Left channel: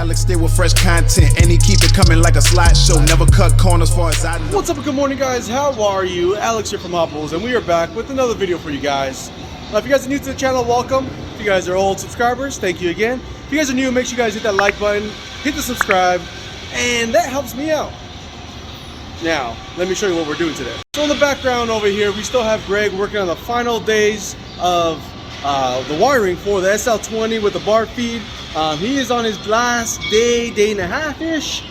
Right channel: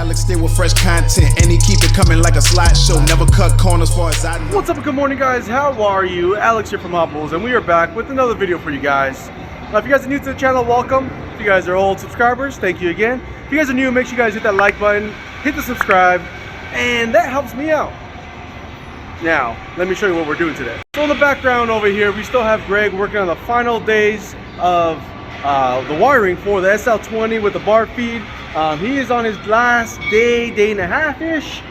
Alex stay with fresh content, and he keep it coming like a slideshow. Never cut corners far as I know. What's up, good morning guys, how are you? Alex here from Hoppos, and we are back with another video for you guys. Now, if you guys are new to the channel, welcome. If you guys are old subscribers, thank you again. If you guys are new, make sure you guys hit that like button, hit the subscribe, and that helps me out. Now, let me show you what we're doing today. So in the background over here, we still have Greg working on the final days of the wiring for the SL20 with the bar feed. He is on his last day and a half-ish.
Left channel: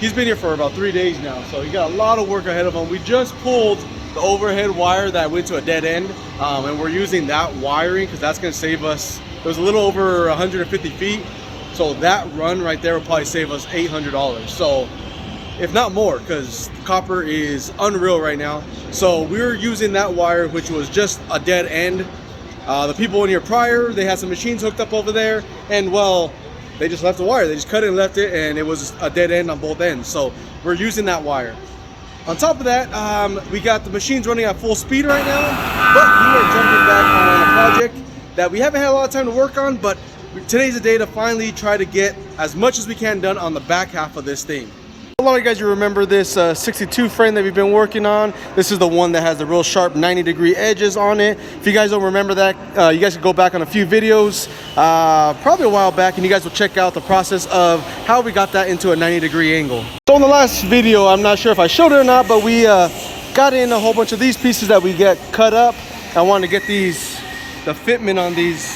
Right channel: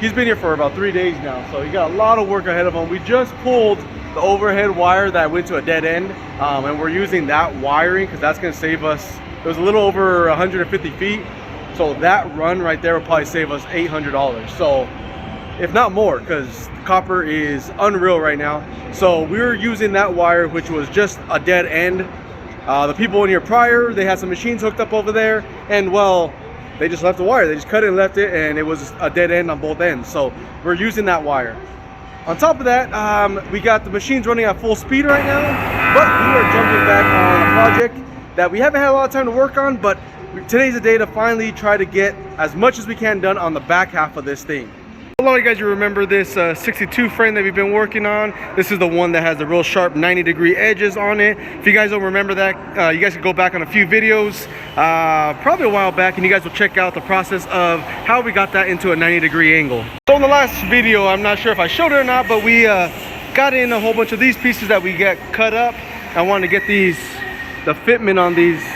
He's been here for about 3 days now, so he got a lot of work ahead of him. We just pulled the overhead wire that went to a dead end, and we're using that wiring because that's going to save us. It was a little over 150 feet, so that run right there will probably save us $800. So, if not more, because copper is unreal right now. So we were using that wire, which was just a dead end. The people in here prior, they had some machines hooked up over there, and well, they just left the wire. They just cut it and left it, and it was a dead end on both ends. So we're using that wire. On top of that, we got the machines running at full speed right now, but we are jumping back on a project that we haven't had a lot of time to work on, but today's the day to finally try to get as much as we can done on the back half of this thing. A lot of you guys, you remember this 62 frame that we've been working on. This is the one that has the real sharp 90-degree edges on it. If you guys don't remember that, you guys can go back on a few videos, probably a while back, and you guys will check out the process of how we got that into a 90-degree angle. So in the last video, I'm not sure if I showed it or not, but we got in a whole bunch of these pieces that we get cut up. I wanted to get the fitment on these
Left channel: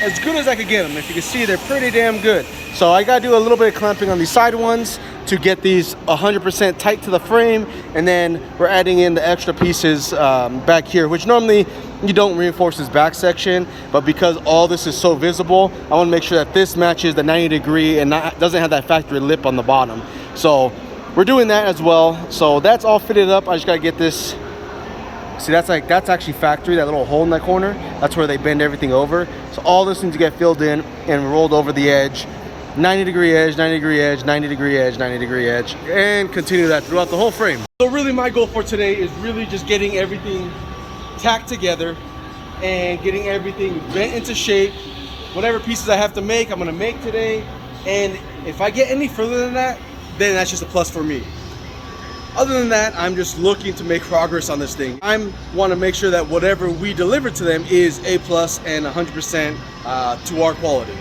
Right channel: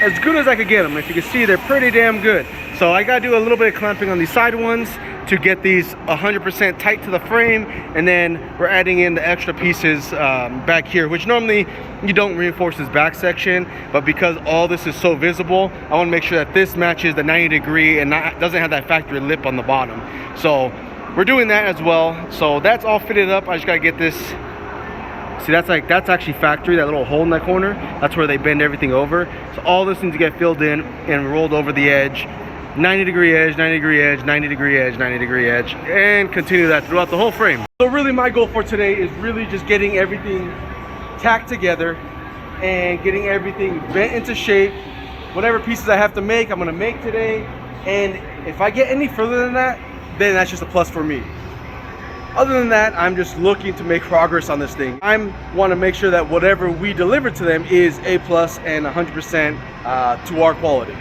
as good as I could get them. If you can see, they're pretty damn good. So I gotta do a little bit of clamping on these side ones to get these 100% tight to the frame, and then we're adding in the extra pieces back here, which normally you don't reinforce this back section, but because all this is so visible, I want to make sure that this matches the 90-degree and doesn't have that factory lip on the bottom. So we're doing that as well. So that's all fitted up. I just gotta get this. See, that's actually factory, that little hole in that corner. That's where they bend everything over. So all this needs to get filled in and rolled over the edge. 90-degree edge, 90-degree edge, 90-degree edge, 90-degree edge, and continue that throughout the whole frame. So really my goal for today is really just getting everything tacked together and getting everything bent into shape. Whatever pieces I have to make, I'm gonna make today. And if I get any further than that, then that's just a plus for me. Other than that, I'm just looking to make progress on this thing. I want to make sure that whatever we deliver to them is A+ and 100% to our quality.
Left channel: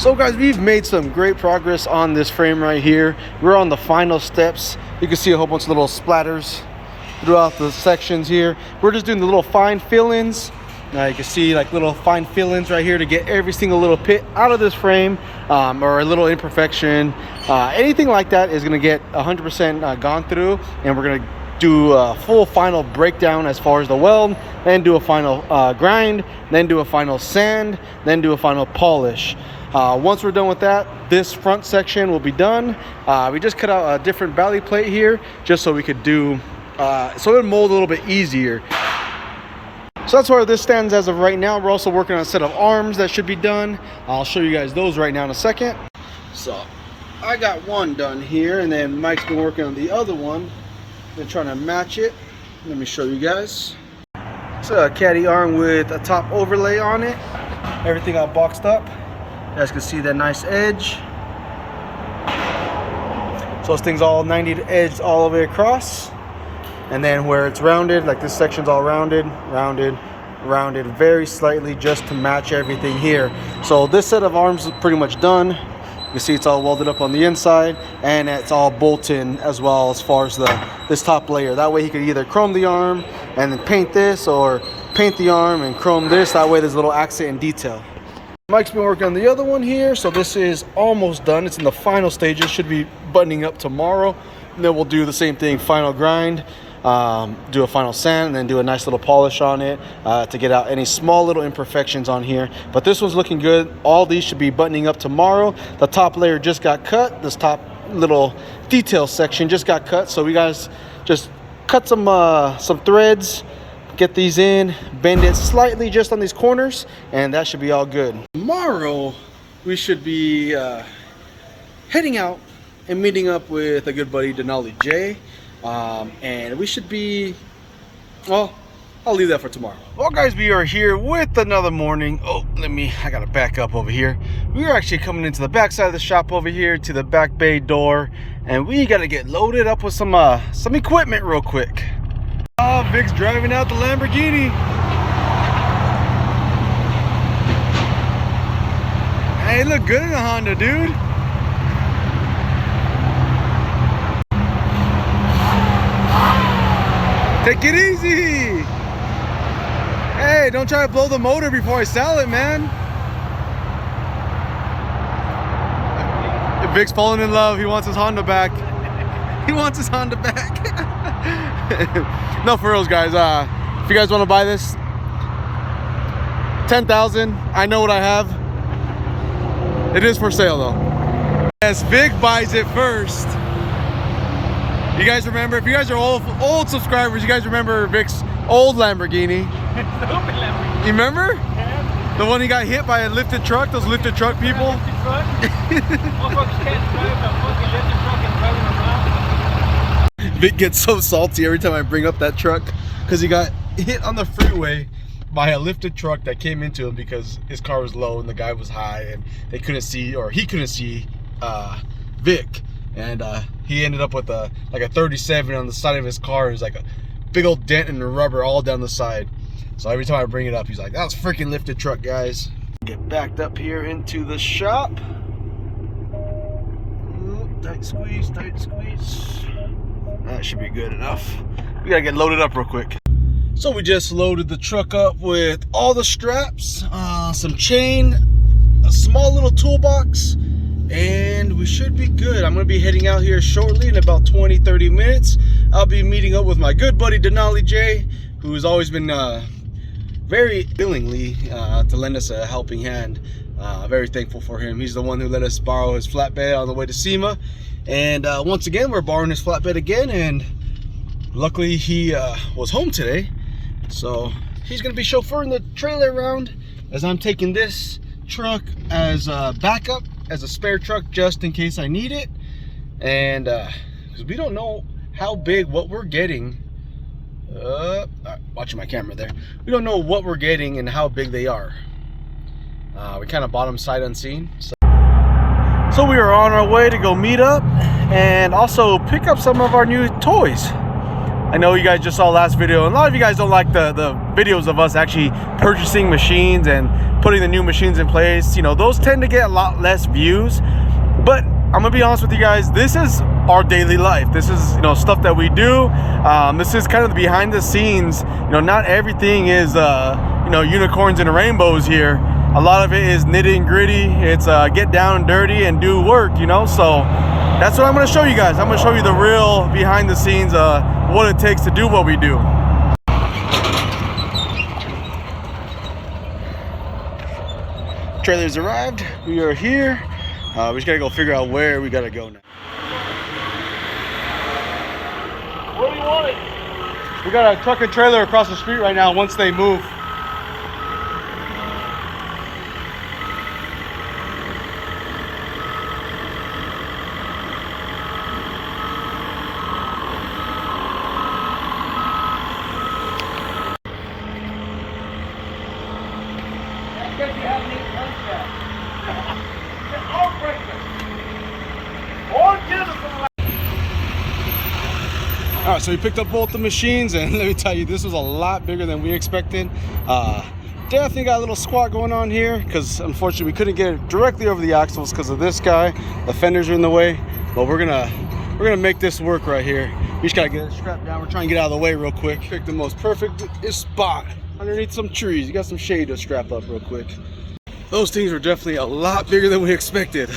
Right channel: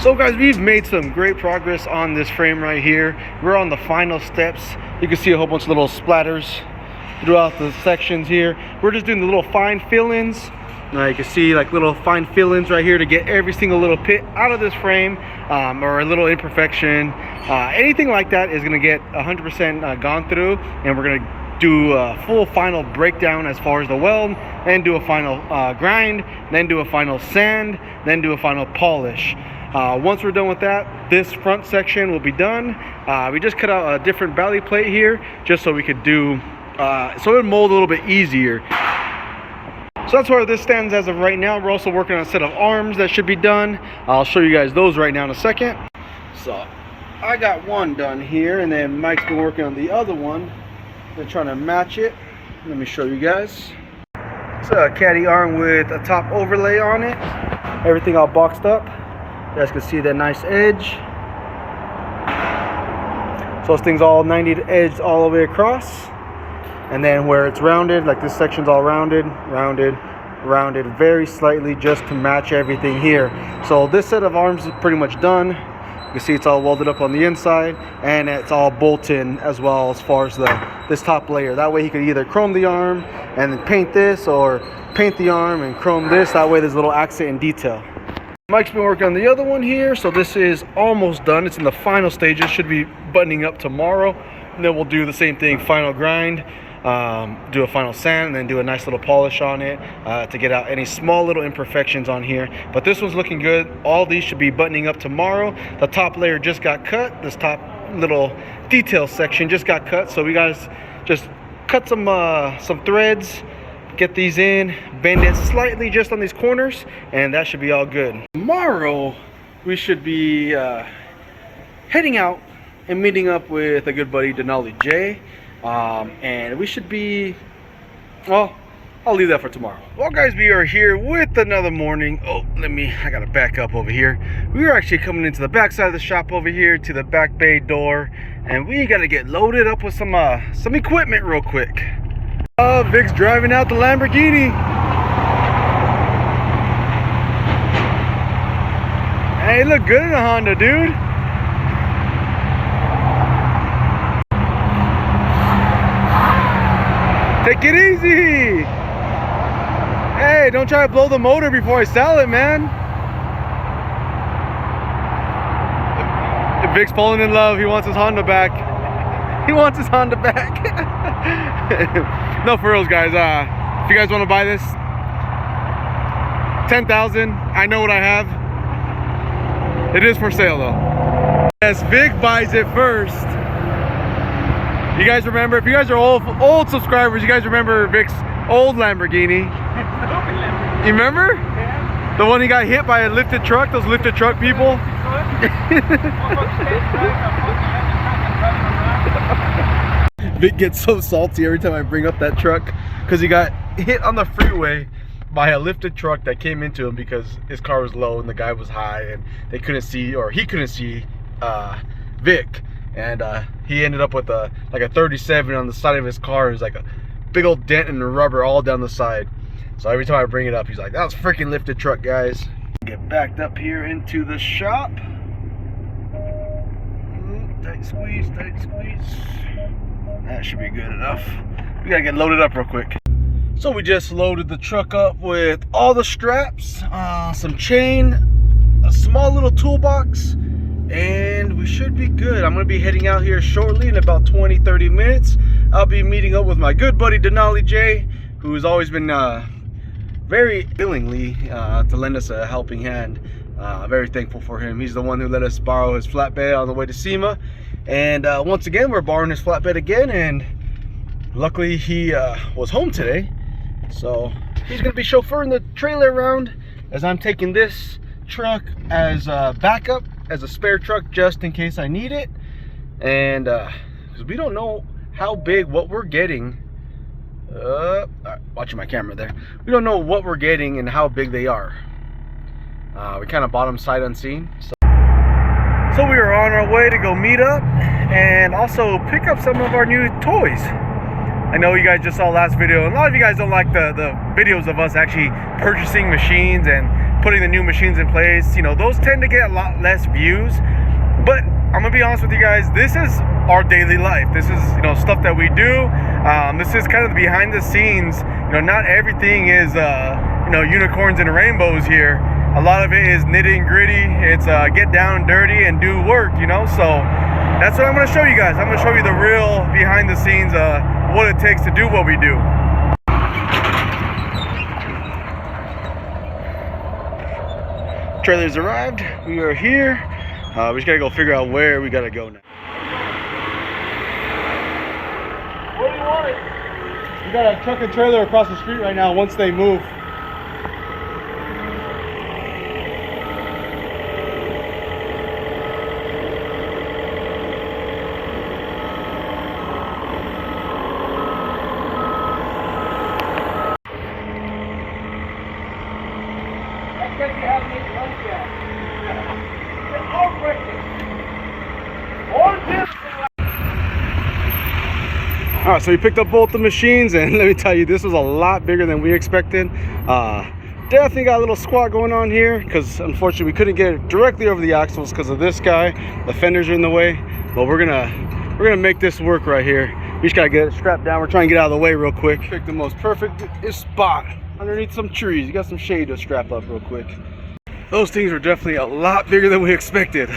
So guys, we've made some great progress on this frame right here. We're on the final steps. You can see a whole bunch of little splatters throughout the sections here. We're just doing the little fine fill-ins. Now you can see like little fine fill-ins right here to get every single little pit out of this frame, or a little imperfection. Anything like that is gonna get 100% gone through, and we're gonna do a full final breakdown as far as the weld, then do a final grind, then do a final sand, then do a final polish. Once we're done with that, this front section will be done. We just cut out a different belly plate here just so we could do so it'll mold a little bit easier. So that's where this stands as of right now. We're also working on a set of arms that should be done. I'll show you guys those right now in a second. So I got one done here, and then Mike's been working on the other one. They're trying to match it. Let me show you guys. It's a caddy arm with a top overlay on it. Everything all boxed up. You guys can see that nice edge. So this thing's all 90 edged all the way across. And then where it's rounded, like this section's all rounded, rounded very slightly just to match everything here. So this set of arms is pretty much done. You can see it's all welded up on the inside, and it's all bolted as well as far as this top layer. That way he could either chrome the arm and then paint this, or paint the arm and chrome this. That way there's a little accent and detail. Mike's been working on the other one here, so this is almost done. It's in the final stages, should be buttoning up tomorrow. And then we'll do the same thing, final grind, do a final sand, and then do a nice little polish on it to get out any small little imperfections on here. But this one's looking good. All these should be buttoning up tomorrow. The top layer just got cut. This top little detail section just got cut, so we guys just cut some threads, get these in, bend it slightly just on these corners, and that should be all good. Tomorrow we should be heading out and meeting up with a good buddy, Denali J. And we should be, well, I'll leave that for tomorrow. Well guys, we are here with another morning. Oh, I gotta back up over here. We are actually coming into the back side of the shop over here to the back bay door, and we gotta get loaded up with some equipment real quick. Vic's driving out the Lamborghini. Hey, look good in a Honda, dude. Take it easy. Hey, don't try to blow the motor before I sell it, man. If Vic's falling in love, he wants his Honda back. He wants his Honda back. No, for reals, guys. If you guys want to buy this, 10,000. I know what I have. It is for sale though. Yes, Vic buys it first. You guys remember, if you guys are old subscribers, you guys remember Vic's old Lamborghini. You remember? Yeah. The one he got hit by a lifted truck, those lifted truck people? Vic gets so salty every time I bring up that truck because he got hit on the freeway by a lifted truck that came into him because his car was low and the guy was high, and they couldn't see, or he couldn't see Vic. And he ended up with like a 37 on the side of his car. It was like a big old dent in the rubber all down the side. So every time I bring it up, he's like, "That was a freaking lifted truck, guys." Get backed up here into the shop. Tight squeeze, tight squeeze. That should be good enough. We gotta get loaded up real quick. So we just loaded the truck up with all the straps, some chain, a small little toolbox, and we should be good. I'm gonna be heading out here shortly in about 20-30 minutes. I'll be meeting up with my good buddy Denali J, who's always been very willingly to lend us a helping hand. Very thankful for him. He's the one who let us borrow his flatbed on the way to SEMA, and once again we're borrowing his flatbed again, and luckily he was home today, so he's gonna be chauffeuring the trailer around as I'm taking this truck as a backup, as a spare truck, just in case I need it. And because we don't know how big what we're getting, watching my camera there, we don't know what we're getting and how big they are. We kind of bought them sight unseen, so we are on our way to go meet up and also pick up some of our new toys. I know you guys just saw last video, and a lot of you guys don't like the videos of us actually purchasing machines and putting the new machines in place. You know, those tend to get a lot less views, but I'm gonna be honest with you guys, this is our daily life. This is, you know, stuff that we do. This is kind of the behind the scenes. You know, not everything is you know, unicorns and rainbows here. A lot of it is nitty and gritty. It's get down and dirty and do work, you know. So that's what I'm gonna show you guys. I'm gonna show you the real behind the scenes, what it takes to do what we do. Trailer's arrived. We are here. We just gotta go figure out where we gotta go now. What do you want? We got a truck and trailer across the street right now once they move. All right, so we picked up both the machines, and let me tell you, this was a lot bigger than we expected. Definitely got a little squat going on here because unfortunately we couldn't get it directly over the axles because of this guy. The fenders are in the way, but we're gonna make this work right here. We just gotta get it strapped down. We're trying to get out of the way real quick. Pick the most perfect spot underneath some trees. You got some shade to strap up real quick. Those things were definitely a lot bigger than we expected.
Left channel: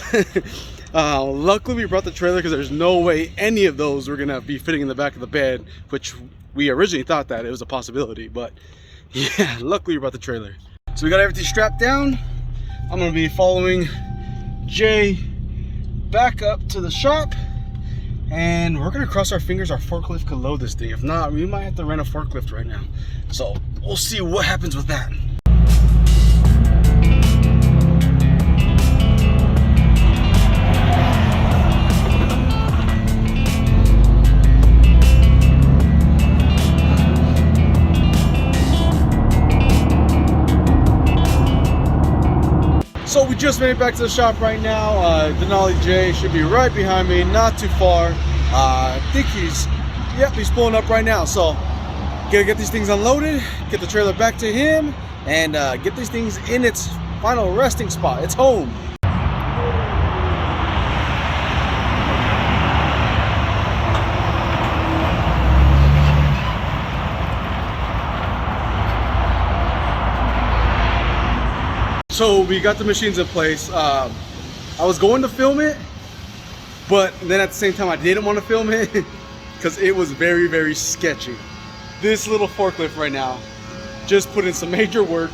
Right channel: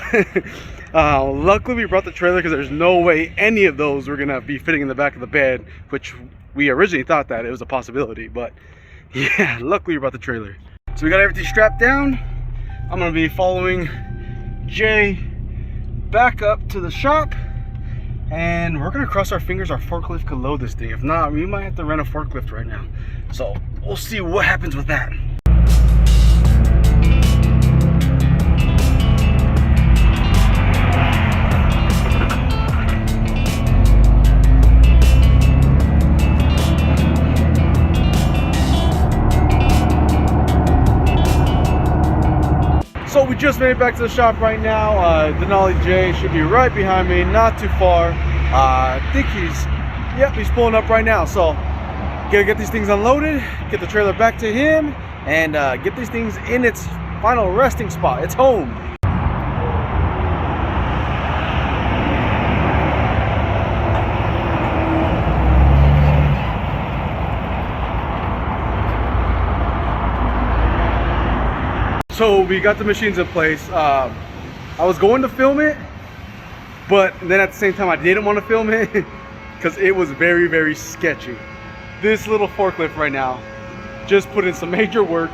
Luckily we brought the trailer because there's no way any of those were gonna be fitting in the back of the bed, which we originally thought that it was a possibility, but yeah, luckily we brought the trailer. So we got everything strapped down. I'm gonna be following Jay back up to the shop, and we're gonna cross our fingers our forklift could load this thing. If not, we might have to rent a forklift right now. So we'll see what happens with that. So we just made it back to the shop right now. Denali Jay should be right behind me, not too far. I think he's pulling up right now. So gotta get these things unloaded, get the trailer back to him, and get these things in its final resting spot. It's home. So we got the machines in place. I was going to film it, but then at the same time I didn't want to film it because it was very, very sketchy. This little forklift right now just put in some major work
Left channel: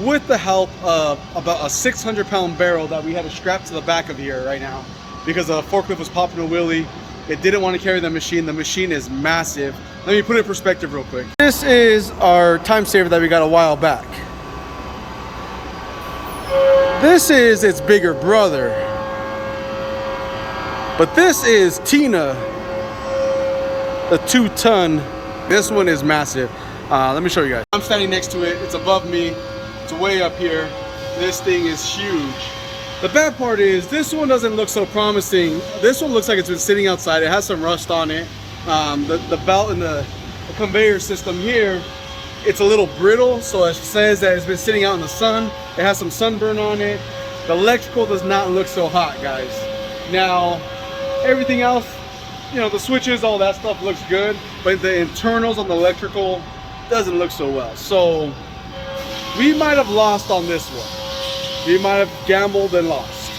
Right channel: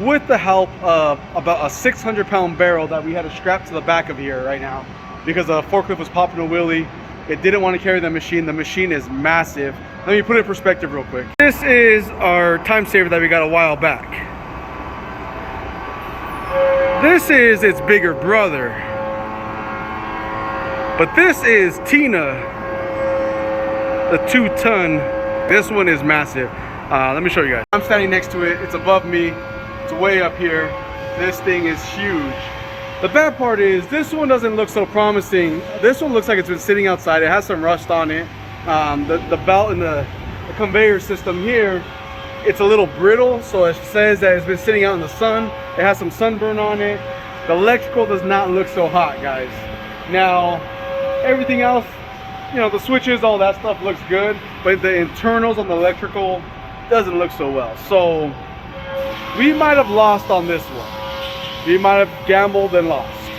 with the help of about a 600-pound barrel that we had to strap to the back of here right now because the forklift was popping a wheelie. It didn't want to carry the machine. The machine is massive. Let me put it in perspective real quick. This is our time saver that we got a while back. This is its bigger brother, but this is Tina, the 2-ton. This one is massive. Let me show you guys. I'm standing next to it. It's above me. It's way up here. This thing is huge. The bad part is this one doesn't look so promising. This one looks like it's been sitting outside. It has some rust on it. The belt and the conveyor system here, it's a little brittle, so it says that it's been sitting out in the sun. It has some sunburn on it. The electrical does not look so hot, guys. Now, everything else, you know, the switches, all that stuff looks good, but the internals on the electrical doesn't look so well. So we might have lost on this one. We might have gambled and lost,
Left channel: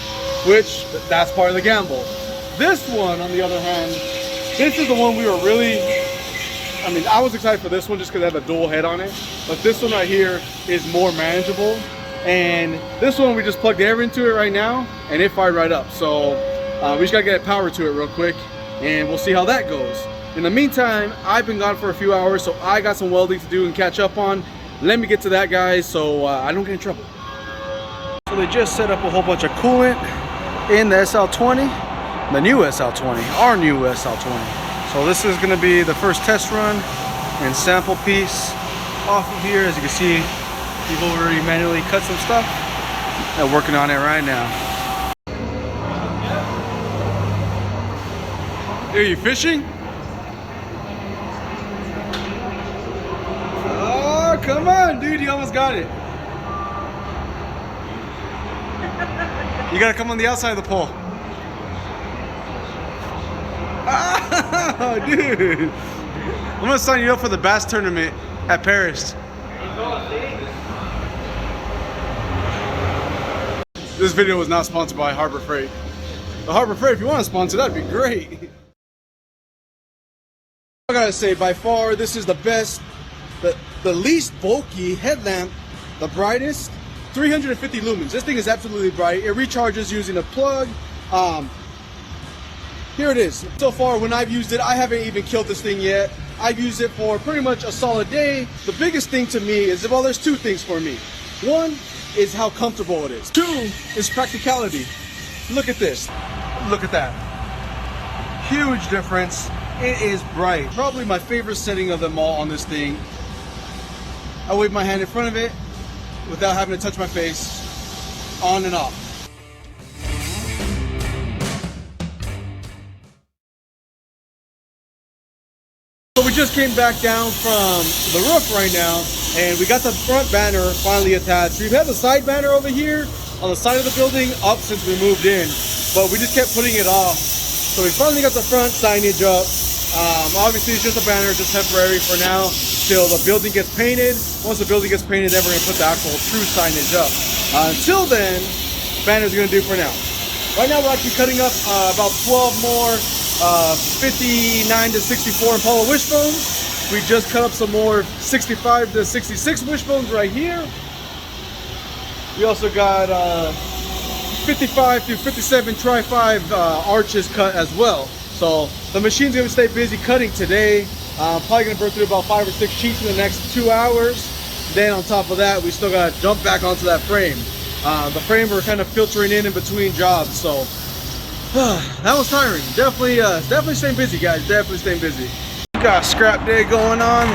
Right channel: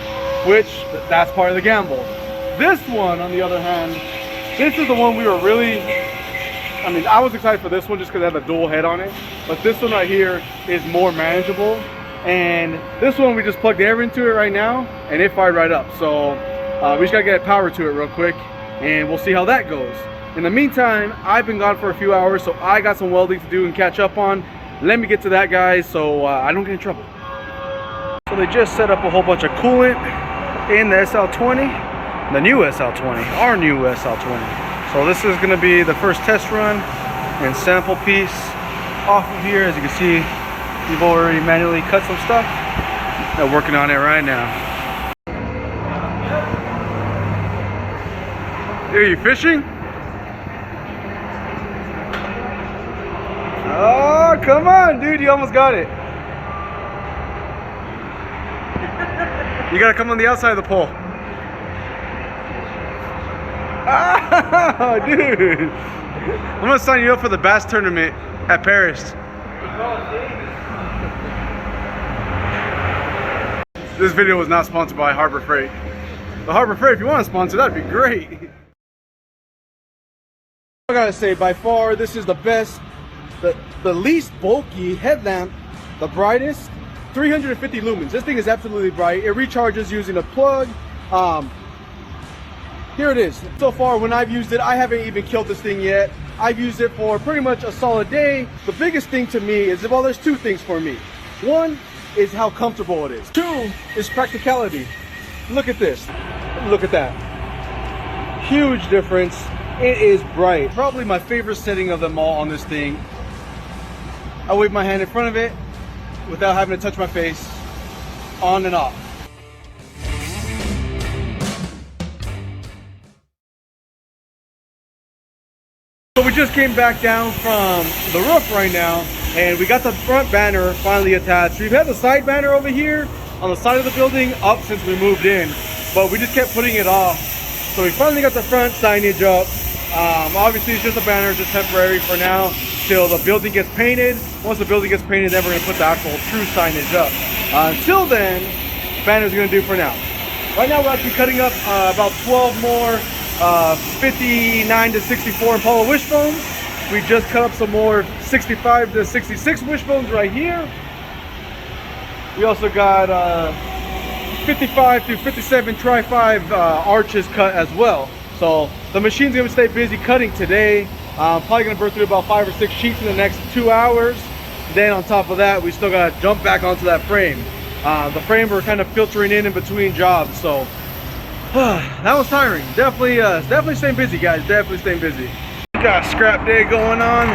which that's part of the gamble. This one, on the other hand, this is the one we were really, I mean, I was excited for this one just because it had a dual head on it, but this one right here is more manageable. And this one we just plugged air into it right now and it fired right up. So we just gotta get power to it real quick and we'll see how that goes. In the meantime, I've been gone for a few hours, so I got some welding to do and catch up on. Let me get to that, guys, so I don't get in trouble. So they just set up a whole bunch of coolant in the SL20, the new SL20, our new SL20. So this is gonna be the first test run and sample piece off of here. As you can see, we've already manually cut some stuff. They're working on it right now. Are you fishing? Oh, come on, dude. You almost got it. You gotta come on the outside of the pole. Ah, dude. I'm gonna sign you up for the bass tournament at Paris. This video was not sponsored by Harbor Freight. But Harbor Freight, if you want to sponsor, that'd be great. I gotta say, by far, this is the best, the least bulky headlamp, the brightest, 350 lumens. This thing is absolutely bright. It recharges using a plug. Here it is. So far, when I've used it, I haven't even killed this thing yet. I use it for pretty much a solid day. The biggest thing to me is, well, there's two things for me. One is how comfortable it is. Two is practicality. Look at this. Look at that. Huge difference. It is bright. Probably my favorite setting of them all on this thing. I wave my hand in front of it without having to touch my face, on and off. So we just came back down from the roof right now, and we got the front banner finally attached. We've had the side banner over here on the side of the building up since we moved in, but we just kept putting it off. So we finally got the front signage up. Obviously it's just a banner, just temporary for now till the building gets painted. Once the building gets painted, then we're gonna put the actual true signage up. Until then, banner's gonna do for now. Right now we're actually cutting up about 12 more 59 to 64 Impala wishbones. We just cut up some more 65 to 66 wishbones right here. We also got 55 to 57 Tri-5 arches cut as well. So the machine's gonna stay busy cutting today. Probably gonna burn through about 5 or 6 sheets in the next 2 hours. Then on top of that, we still gotta jump back onto that frame. The frame we're kind of filtering in between jobs, so that was tiring. Definitely staying busy, guys. Definitely staying busy. Got a scrap day going on.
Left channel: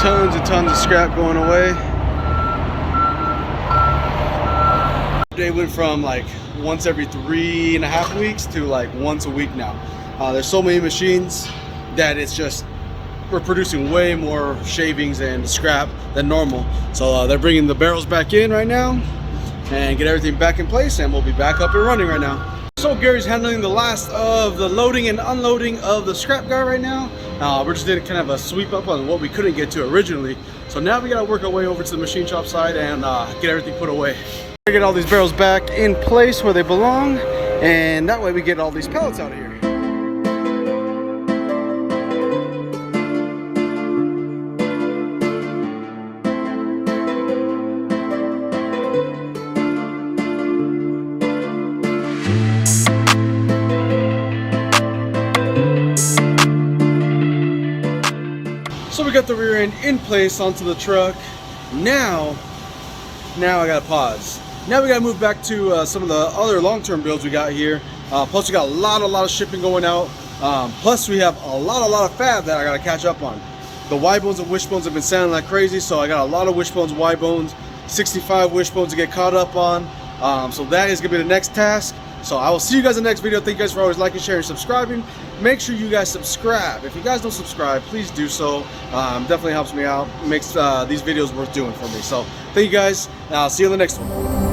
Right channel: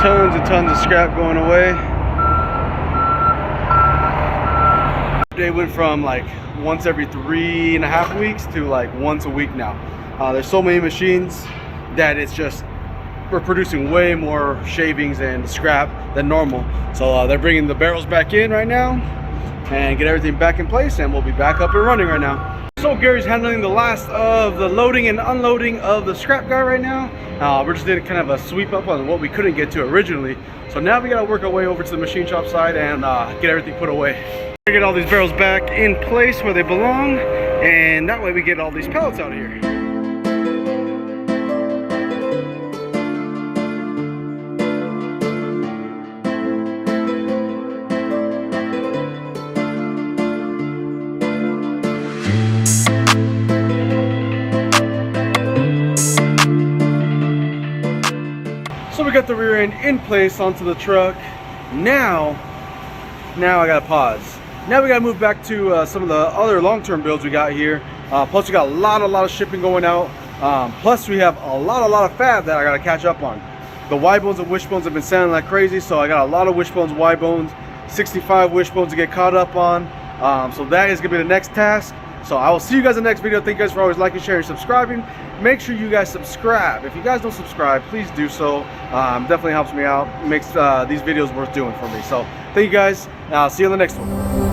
Tons and tons of scrap going away. Day went from like once every 3.5 weeks to like once a week now. There's so many machines that it's just, we're producing way more shavings and scrap than normal. So they're bringing the barrels back in right now and get everything back in place, and we'll be back up and running right now. So Gary's handling the last of the loading and unloading of the scrap guy right now. We're just doing kind of a sweep up on what we couldn't get to originally. So now we gotta work our way over to the machine shop side and get everything put away. Get all these barrels back in place where they belong, and that way we get all these pallets out of here. So we got the rear end in place onto the truck. Now I gotta pause. Now we gotta move back to some of the other long-term builds we got here. Plus we got a lot of shipping going out. Plus we have a lot of fab that I gotta catch up on. The Y bones and wishbones have been selling like crazy, so I got a lot of wishbones, Y bones, 65 wishbones to get caught up on. So that is gonna be the next task. So I will see you guys in the next video. Thank you guys for always liking, sharing, subscribing. Make sure you guys subscribe. If you guys don't subscribe, please do so. Definitely helps me out. Makes these videos worth doing for me. So thank you guys. I'll see you in the next one.